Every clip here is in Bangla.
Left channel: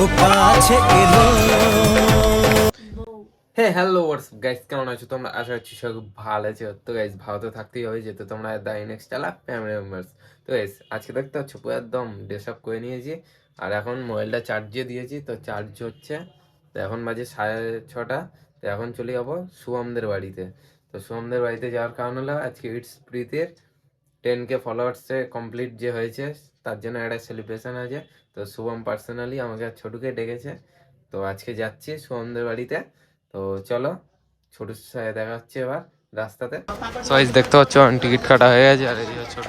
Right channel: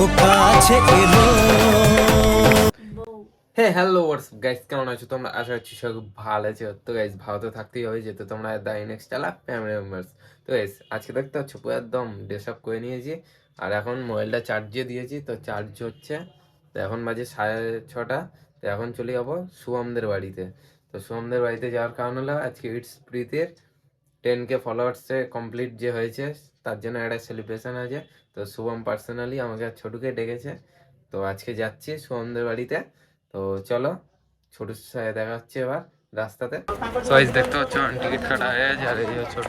ও কাছে এলো। হ্যাঁ হ্যালো হোয়াটসঅ্যাপ গাইস, কেমন আছো তোমরা? আশা করছি সব ভালো আছো। তো গাইস ভালো তো থাকতেই হবে, যেহেতু তোমরা দ্য নেক্সট চালা ফ্যামিলি মেম্বার্স। তো গাইস আজকে দেখতে পাচ্ছ পুরো একদম ড্রেস আপ করে নিয়েছি, আর এখন মোবাইলটা চার্জে দিয়েছি, তো চার্জ হচ্ছে। তো এখন বাজে 6:30। তো এখন চলে যাবো শুভমদের বাড়িতে। তো শুভমদের বাড়িতে যাওয়ার কারণ হলো আজকে ইটস প্রীতির 10K ফলোয়ার্সে কমপ্লিট যে হয়েছে, তার জন্য একটা সেলিব্রেশন আছে। তো শুভম পার্সোনালি আমাকে আর ছোটুকে ডেকেছে। তো আজকে যাচ্ছি শুভমদের বাড়িতে। তো চলো ছোটুর সাথে দেখা হচ্ছে এবার রাস্তাতে। সাইজ দেখতে পাচ্ছ টিকিট কাটা হয়ে গেছে, আর এই ছোট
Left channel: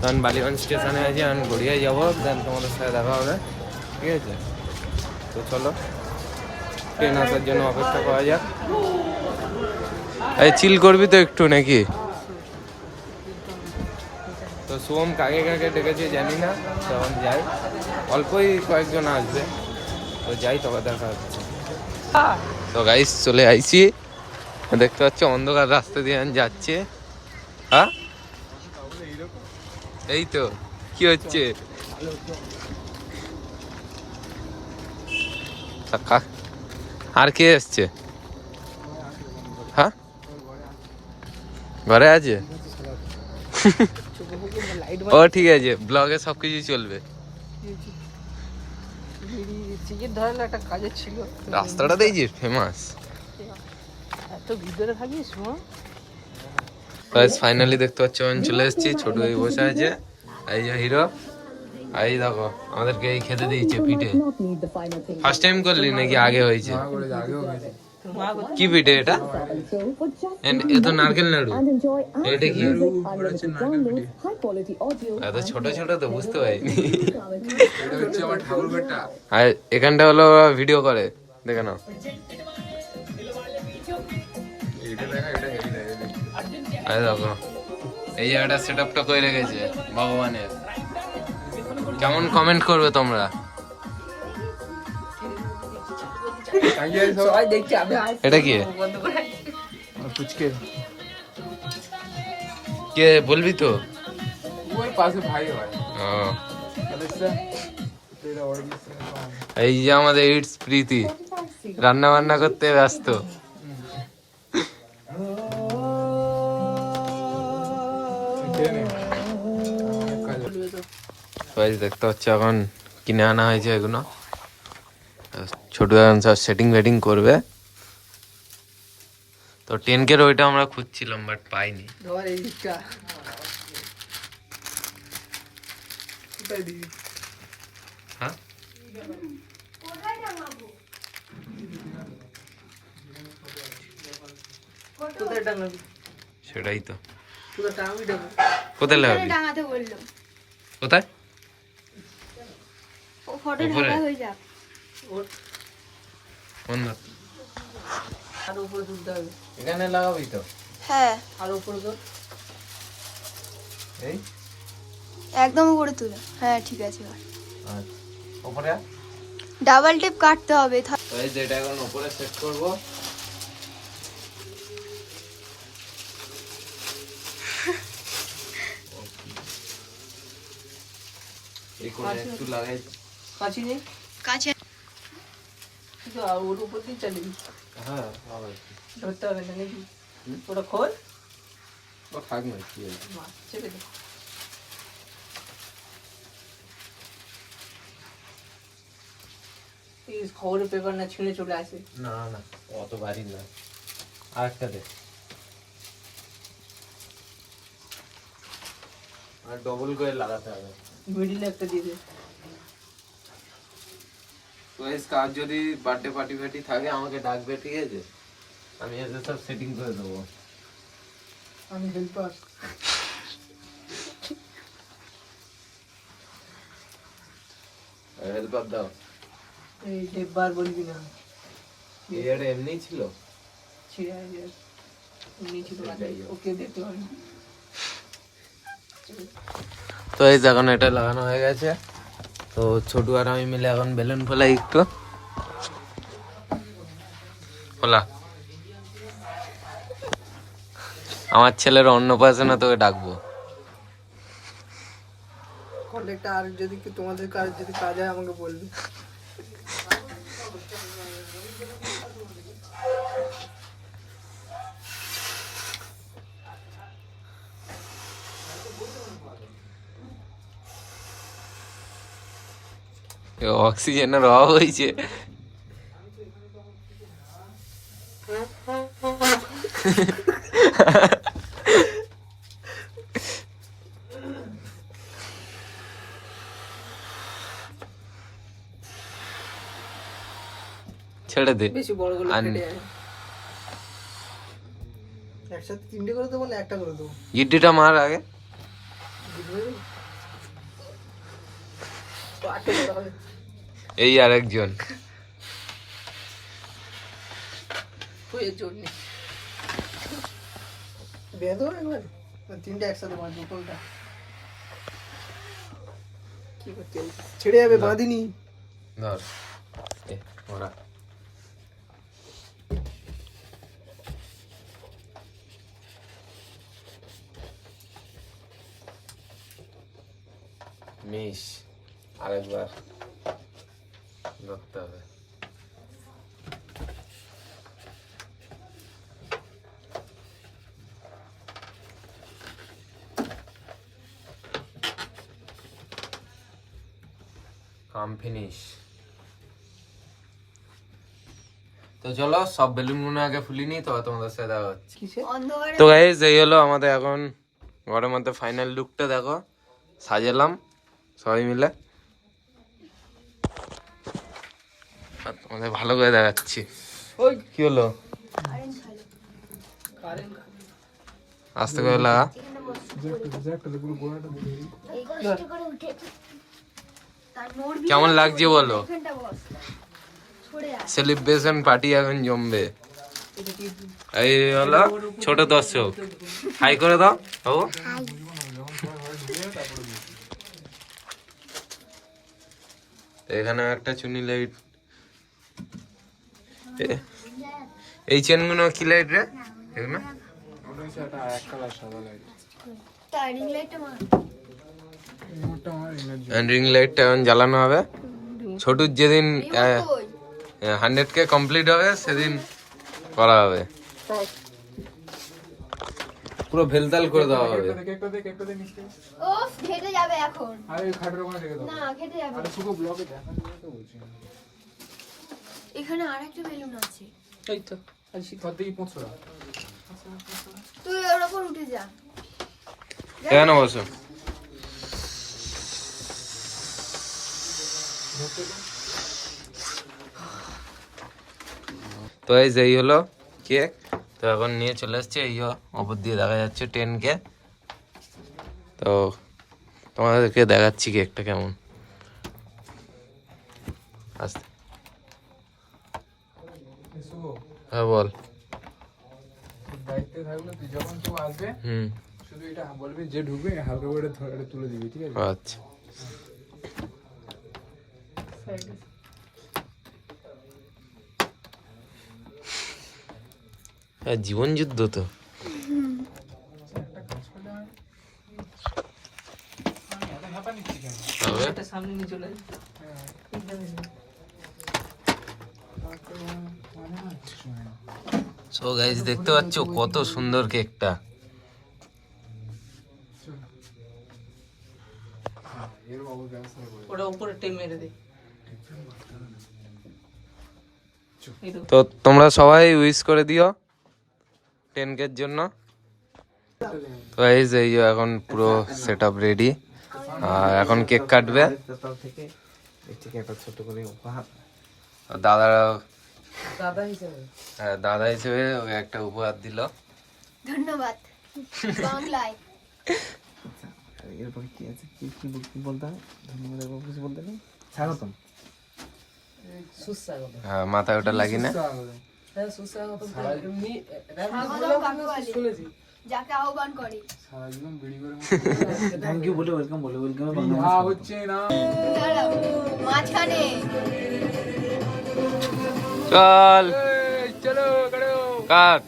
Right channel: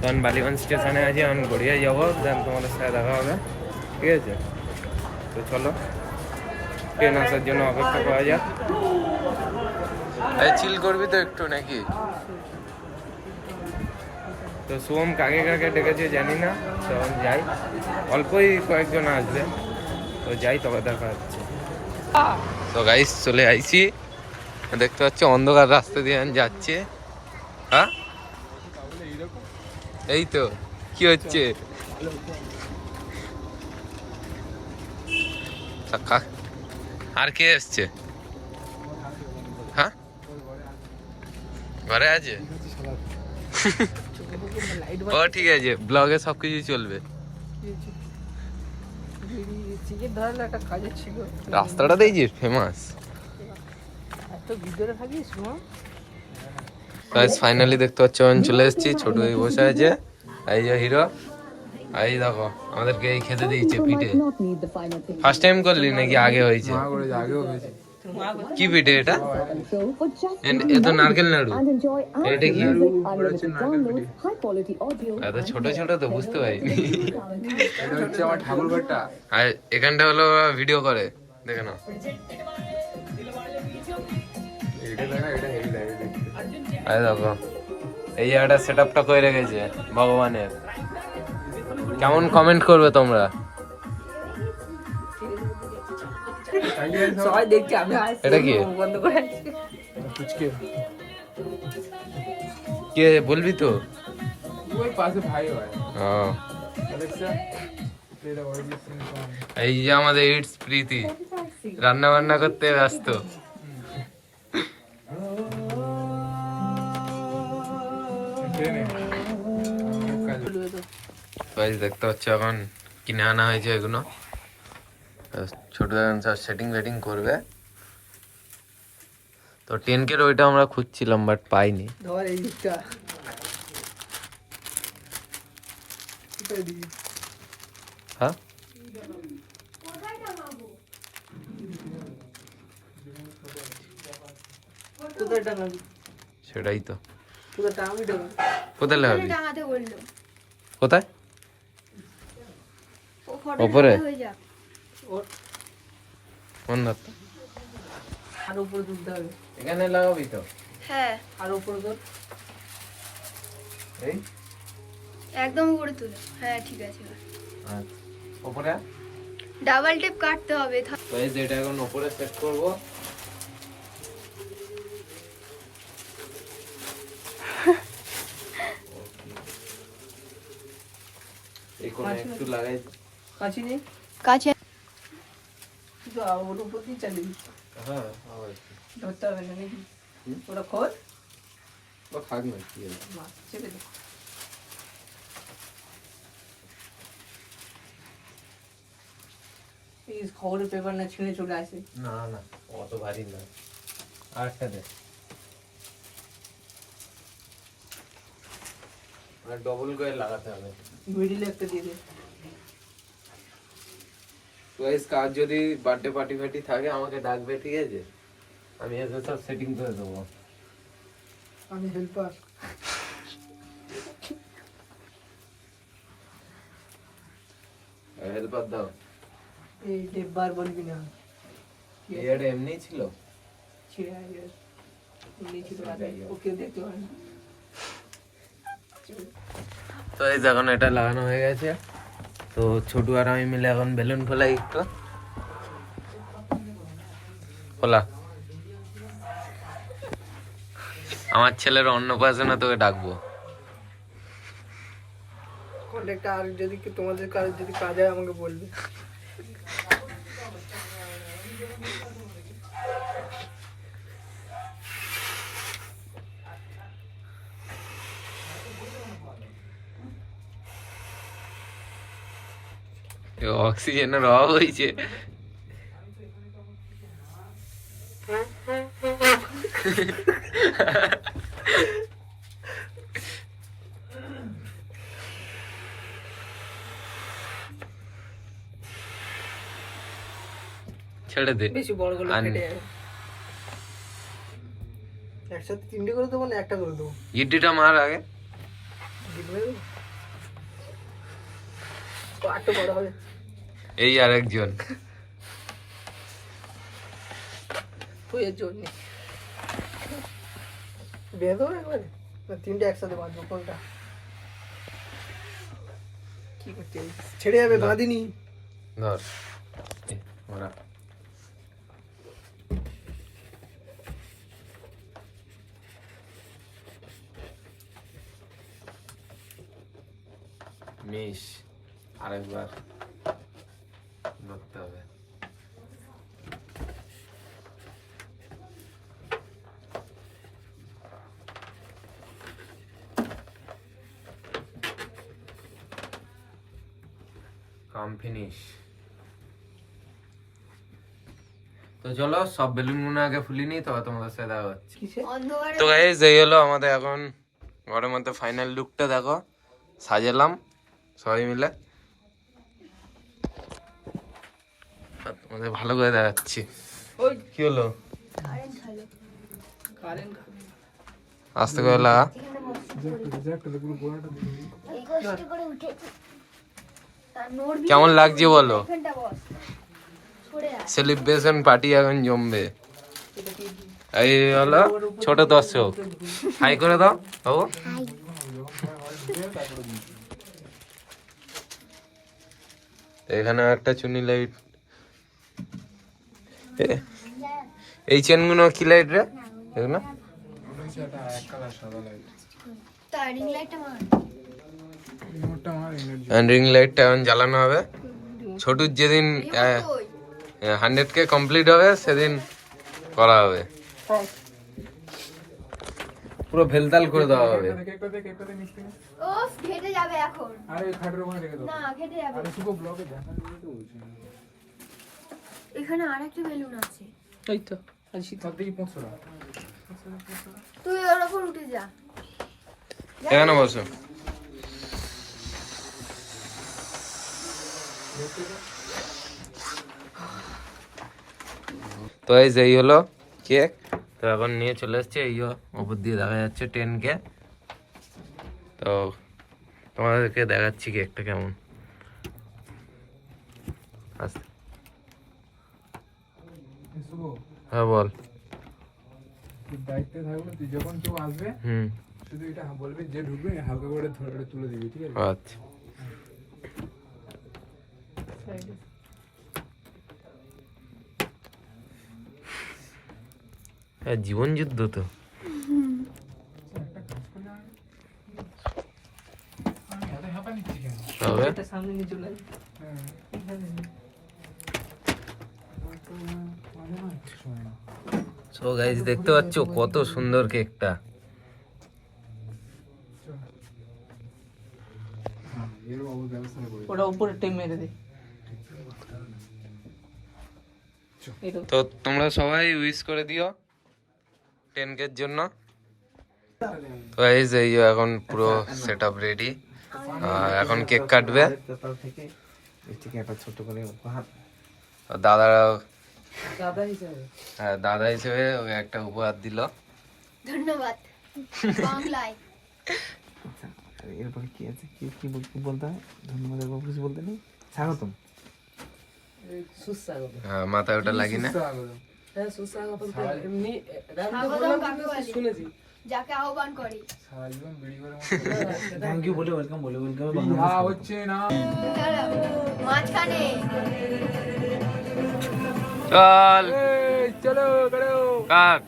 তখন বালিগঞ্জ স্টেশনে আছি, আমি গড়িয়ে যাবো, দেন তোমাদের সাথে দেখা হবে, ঠিক আছে? তো চলো ট্রেন আসার জন্য অপেক্ষা করা যাক। এই চিল করবি তো একটু নাকি? তো শুভম কাকে কাকে ডেকেছে জানি না, তখন যাই, অল্পই কয়েকজন আসবে, তো যাই, তবে দেখা হচ্ছে। তো গাইস চলে আইছি, দেখতে পাচ্ছি অন্ধকার রাস্তা দিয়ে আমি যাচ্ছি। হ্যাঁ এই তো কি হচ্ছে, আর কে এসছে? হ্যাঁ ঘরে আছে। ও ঠিক আছে, ব্লগে সবকিছু চলবে। রাস্তাটা দেখছিস ফেমাস। ফাইনালি দেখতে পাচ্ছ আমি চলে এসেছি, ছোট এই বসে আছে, এই যে হিরো। আর এই দেখো আমাদেরকে এই খেতে দিয়েছে পিঠে। ফার্স্ট টাইম করলি নাকি আগে হয়েছে? কি পিঠে এটা? এ তো নারকেল নাড়ু। এটা কি? এত ছোট ছোট তো বুঝতে পারিনি। আর এখানটা হলো ভিডিও করে, দেখে নাও। আরে দেখো এই জায়গাটা সেট আপটা করে রেখেছে ভগবানের। কেমন কমেন্ট করবে তোমরা? এটা কি কে বলবি তো? এই যে আমাদের ইটস প্রীতি রান্না বান্না করতে ব্যস্ত। দেখতে হচ্ছে এখন কিনে আনা হয়েছে এগুলো, ছোট এখন সব সেটিং ফেটিং করবে। তো 10K ওইটা আমরা খুঁজছিলাম বাট পাইনি। হ্যাঁ সেটাই তো, কোথায় লাগাবি? কোথায়? উপরে? এখানে লাগাবি তো? হ্যাঁ আর উপরে তোর এই একদম উপরে তুলে, হ্যাঁ ঠিক আছে। উপরে ডাবল টেপ কাটতে হবে। তো এই যেটা এখন উপরে সেট করব। এই কোণে একটু লাগাই কাছে নেই, কাছে আর ওর উপর দিয়ে চালিয়ে। হ্যাঁ হবে, ধরতে হবে না নাকি? ওটা খোল, ও থাক না, কি আছে চেপে দে। এই খবরের পেপার না ছিঁড়ে চলে আসে। না না অত ভারী না, আরেকটা দে, আর ডবল করে লাগাতে হবে। মিডিলে একটা দিয়ে দে। তো গাইস কাজ যদি বার্থডে পার্টি ফার্টি থাকে আমাকে ডাকবে, ঠিক আছে? আমি এসে সব সেটিং করে দেবো। আমি হেল্পার। হেল্পার দাও। এই হেল্পার বলবি না, এটা এমনি ছিল, এমনি ছিল, ওকে দেখতে হয় না। তো এই এখন এটা লাগানো হয়ে গেছে। তো ছোটু আর আমি মিলে এখন বেলুন ফেলাই একটু। খোলা আমার ছেলের অন্নপ্রাশনে তোকে ডাকবো। কন্ট্যাক্টটা আর যদি তোমাদের কাজ যদি কাজ হয় আমাকে বলবে। অক্সিজেনের অভাব হয়েছে। ছেড়ে দে। বেশি বড় গুলো আর- ফেটে যাবে। একসাথে 3টে করে দেবো না 1টা করে দেবো? ইডলিটা মার আগে। জিতবে তো 8টা বড় হবে। এই আর একজন। তুইয়ের জন্য বেঁধে দেবো একবার, 3টে একসাথে বাঁধবো। কোনটা কি করতে হবে? ছেড়ে যাবে, বাঁধিনি। ধর এই, ওরা। মিশ আরেকবার ধরতে হবে। কাম ফিনিশ। তো চলো সব বেলুন গুলো আগে ফুলিনি, তো তোমাদের সাথে দেখা হচ্ছে। কিসে? অন্ধকারে তো গাইস এই হলো আমাদের এখন ঘরের মধ্যে ফাইনাল লুকটা, দেখো সাজালাম সবাই মিলে, আর তোমাদের ভালো করে দেখাচ্ছি। ওই কি হলো? কারেন্ট খালো। কারেন্ট আস্তে করে লাগা। এই কষ্ট করে উঠেছে। তার নড়বি কেমন না, লাগছে বলো? এখানটা বস। পড়ে যা। সেলিব্রেশন পার্টি এখন জমবে। এই হলো ছোট দর্শক, হাই করে দাও বাবু। এখানে একটা চুনি লাইট। এই চেনগুলো কি লাইট রে এগুলো? তার রিং লাইটটা মার। রিং লাইটটা এখন জ্বালানো হবে। ছোটুর যেদিন কই? 100K কমপ্লিট হবে সেদিন করা হবে, পুরো ভেলতাল করে দেওয়া হবে। ওফ, খেটে যাবে এখন। না, খেটে যাবে। এখানে আরেকটা বেলুন আছে। এই তো তুই ওর উপর উঠে যা। এখানে বসো। তো এই হলো কেক। তো এখন নিয়ে চলে এসছে, এই ওপর দিয়ে দেখা যাচ্ছে 10K। তো তোমাদেরকে দেখাচ্ছি কেকটা কেমন। আস্তে, হ্যাঁ বল। দায়িত্বে থাকবে, তুই যখন কেউ আসবে হুম, শুধু এটা বলবি, যে ঢুকবে হালকা করে ধরে এটা তুলে দিবি, ঠিক আছে? আচ্ছা। হ্যাঁ, জীবন যুদ্ধ তো। একটা কাজ করলে হয়। এত হাঁপা নিচ্ছি কেন? তবে এটা সামনে নিয়ে চলে আসবে। হ্যাঁ। মানে না, সময় না। সো গাইস দেখতে পাচ্ছ কত সুন্দর কেকটা। চল। হ্যাঁ, এর বাবুর ব্যবস্থা করে। ওটা উপরে টেন মেরে দে। তো তোমরা সবাই উইশ করে দিও 10K এর জন্য। তো গাইস এই যে এখন পুরো সেটআপ রেডি, আর এখন কেক কাটবে। আর দাদা, দাদা হিসাবে হ্যাঁ দাদা হিসেবে ওকে একটা উপহার দিল। ধন্যবাদ। বাংলায়। এরপরে কি আছে, কি বলতে হয়? ধন্যবাদ এবং কিছু বলতে নেই, স্বাগতম। সুস্বাগত। হ্যাঁ মাথায় ওটা লাগি না। সুস্বাগতম। হ্যাঁ, সুস্বাগত তো এমনি স্বাগতম কাকে বলে? শুনেছি। যাকে আহ্বান করে। সারা জীবন বিড়ি করে থ্যাংক ইউ বলে ওয়েলকাম বলে, ওয়েলকাম হচ্ছে না। মাঝখানে চল এই, চলো করো। কাট।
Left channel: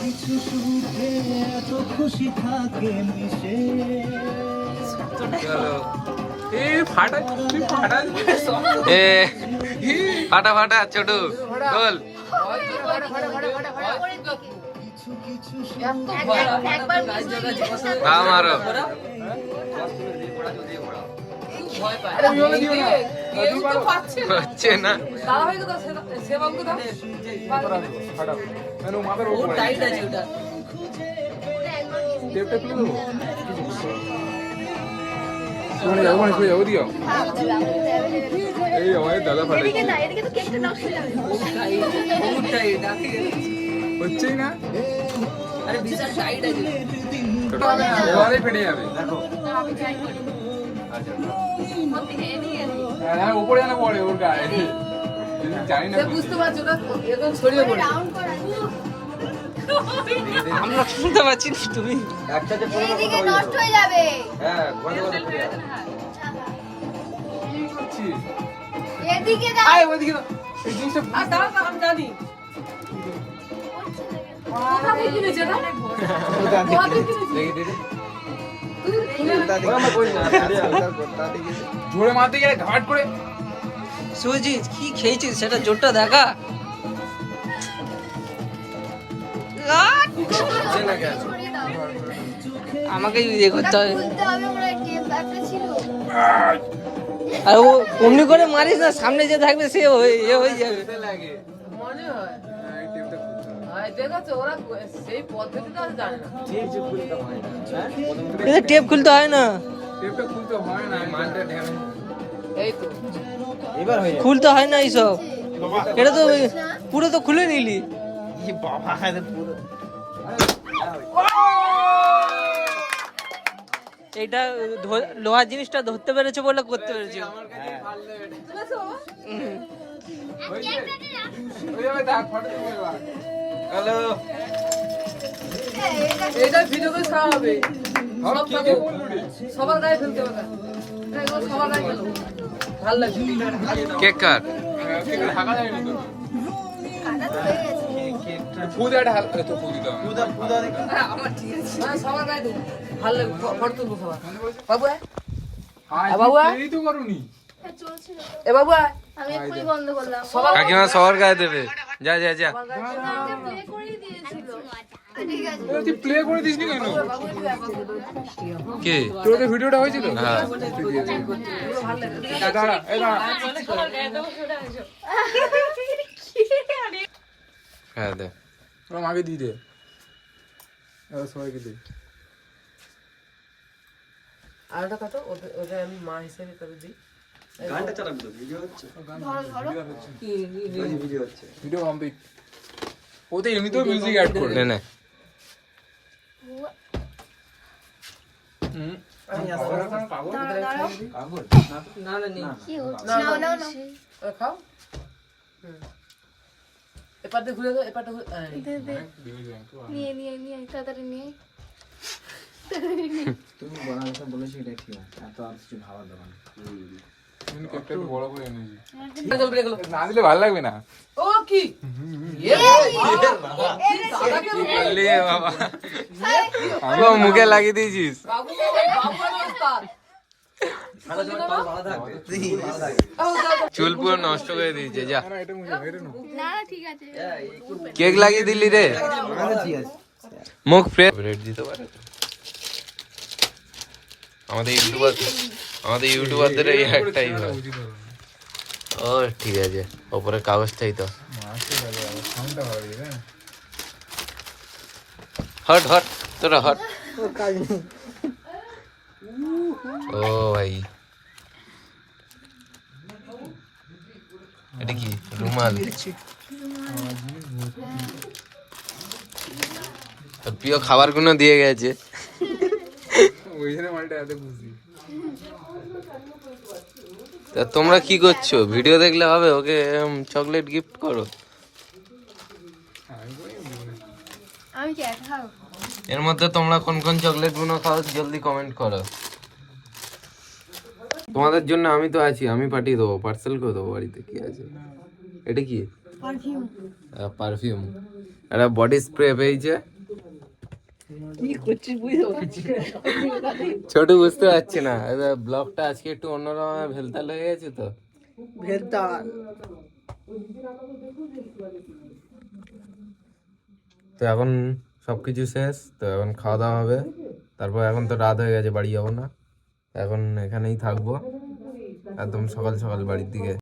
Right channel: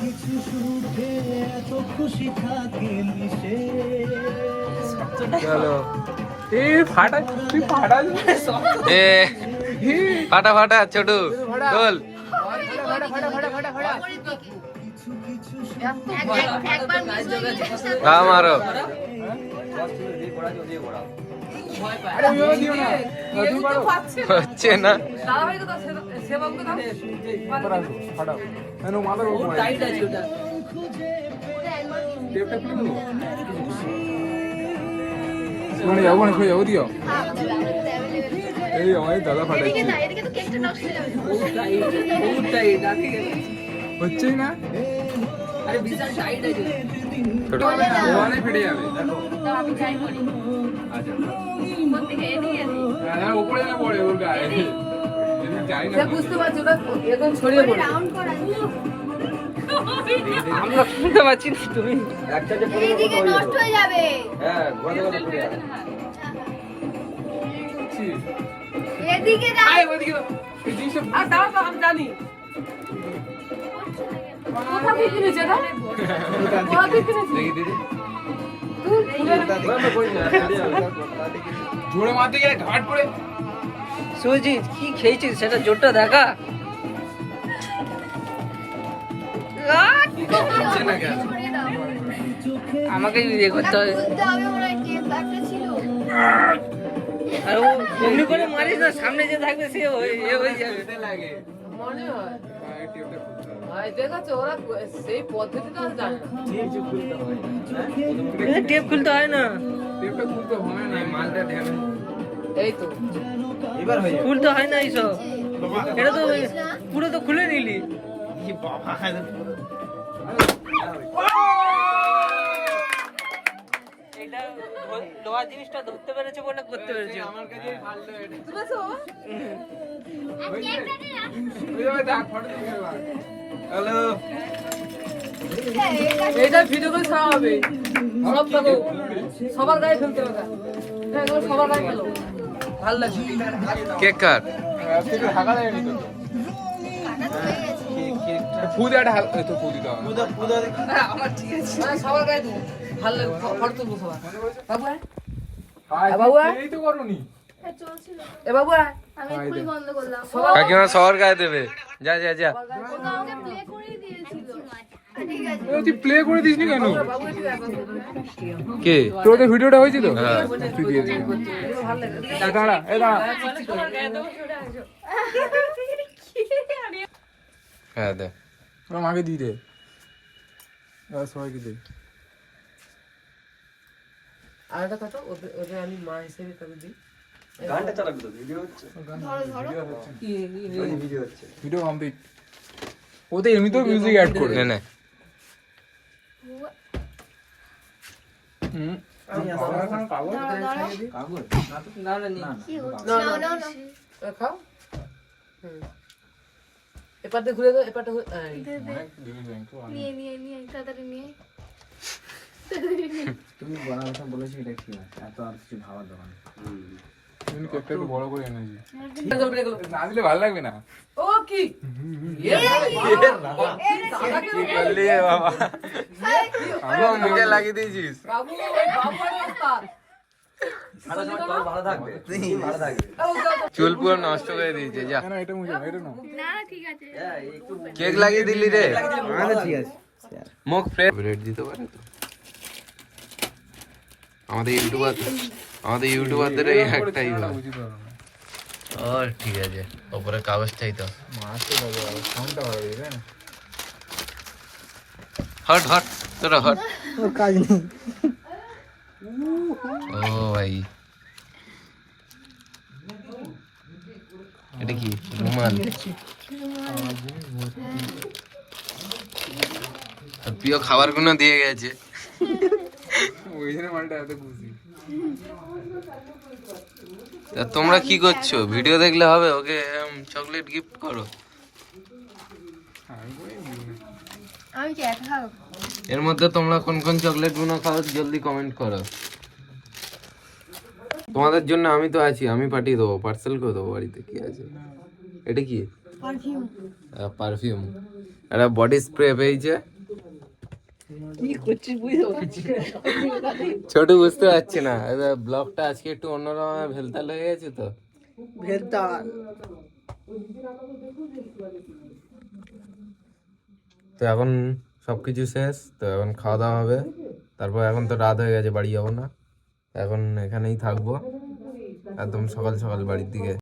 কিছু সুখে এ ফাটা তুই ফাটা এ ফাটা ফাটা ছোটু ঢোল না মারো হচ্ছে না টেপটা খুলে দেবো তোমার যাবো না যাবো দিও এই আমাদের দাদা ফাটাইছে হচ্ছেই না ঘরে ফেটে যাবে হ্যাঁ উপরে যেন পড়ে ওর গায়ে যাই না বুঝতে পারছো না এরকম ছড়িয়ে পড়ে আমরা শুনতে পাচ্ছি না, তুমি এদিকে নষ্ট হয়ে যাবে এদিকে দাও আয় ওদিকে আর দাও তো আমি জানি কোথা থেকে কিনেছে না কোথা থেকে কিনেছে জোরে মারতে গিয়ে ঘাট করে সুজিত কি খেয়েছিস সেটা জোরটা দেখা। আমাকে ইয়ে করতে হবে বলতে হবে ওরা টেপ একটা ছিল আর ও অমনি করে মারিস না, সামনে যে থাকবে সে হয়ে যাবে। মনে হয় এই টেপটা খুলতে হবে। হয় দেখাচ্ছে ওরা সেই পদ্ধতিটা জানে না কিন্তু টেপ খুলতে হয় না, টেপটা খুলতে হয় না মালটা ধ্যান এই তো খুলতে হয় না এইসব। এটা তো পুরো তো খুলে নিলি। এটা লোহার জিনিসটা ধরতে পেরেছে বলে করতে পেরেছে। হ্যালো এইটা ভিডিও করে ছাড়া হবে সব দেখো সবার গায়ে ফেলতে হবে না দেখো সবার গায়ে ফেলো ভালো লাগছে কেক কাট ঢাকা যায়নি তো কাটা তো হয়ে গেছে ফুজাটা হালকা তো ফুজ দাও আমার ঠিক আছে সবার গায়ে দেবো ভালো লাগবে ফটো তুলবো সবার বাবু আয়। আয় বাবু, এই তো করুনি চলছিল এ বাবু আয়। আমি এক্ষুনি বন্ধ করলাম সবার কাকিমা সবার গায়ে দেবে, যা যা যা আমাকে প্লে করে দিয়েছিল ঠিক আছে তুই প্লে করে দিসনি কেন বাবু একটু আয় পাশে। কে তোর তো ভিডিওটা হয়েছিল হ্যাঁ তুই দিয়ে দিবি এগুলো ভালো লাগে এদিকে দাঁড়া এই দাঁড়া হ্যাঁ দে তোর আগে দিয়ে দে দাদা সবাইকে দে আর একটা কথা ওদের ওদের আমি মা হিসেবে করে দিই ভিডিও কমপ্লিট ওতে এমনিতেও মিউজিক অ্যাড করে নে নে না না নি কি নাও নাও নাও ওরা খাও এপারটা ঘুরে দাও এপারটা নিয়ে নিয়ে নিয়ে তাড়াতাড়ি নিয়ে তুমি বড় কথা বলেছো, এটা ঠিক আছে, এত আর কিছু খাওয়া দাওয়া না। তুমি কেকটা একটু বড় করে এনেছি গেলো না দিলে ভালো লাগবে না ও কি কি করলি রে বাবা, ও মুখে লাগিয়ে দিয়েছিস। বাবু বাবু ওস্তাদ চুল পুরো নষ্ট করে দিয়েছে, যা না এটা মুঝে এটা না না ঠিক আছে কেক লাগিয়ে দিলি রে। ঠিক আছে মুখ ফ্রেশ রেড দিতে পারে তো আমাদের ইউটিউবারদের এই একটাই হয়। উচিত হবে না ও ঠিক আছে, ওপরে কাগজটাই তো মাসে লাগে ফোনটা হয়ে গেছে হট হট তোরা হট। ও ভাই এটা কি রুমাল? আর প্রিয় খাবারগুলো দিয়ে গেছে। ওই জন্য মালটা এত খুশি তা তোমরা কি করছো? ভিডিও দেখলে হবে? ওকে চকলেট গিফট করো। আমি কি খাও এর মধ্যে তোমরা কোন কোন চকলেট গুলো খাও জলদি কমেন্ট করো। তোমাদের জন্য আমি তো আছি, আমি পাঠিয়ে দেবো, পার্সেল করে দেবো বাড়িতে। কি আছে এটা? কি পারফিউম পারফিউম? একটা বডি স্প্রে পেয়েছে, কি করছিস বুঝতে পারছি না। ছোট বুঝতে পারছি না, ব্লগটা আজকে একটু অন্যরকম ভেলতাল হয়ে গেছে তো। ভেলতাল। তো এখন সবকিছু শেষ, তো এখন খাওয়া দাওয়া হবে, তারপর এখন তো রাত হয়ে গেছে, বাড়ি যাবো না, এখন এখানেই থাকবো একদম সকাল সকাল বাড়ির দিকে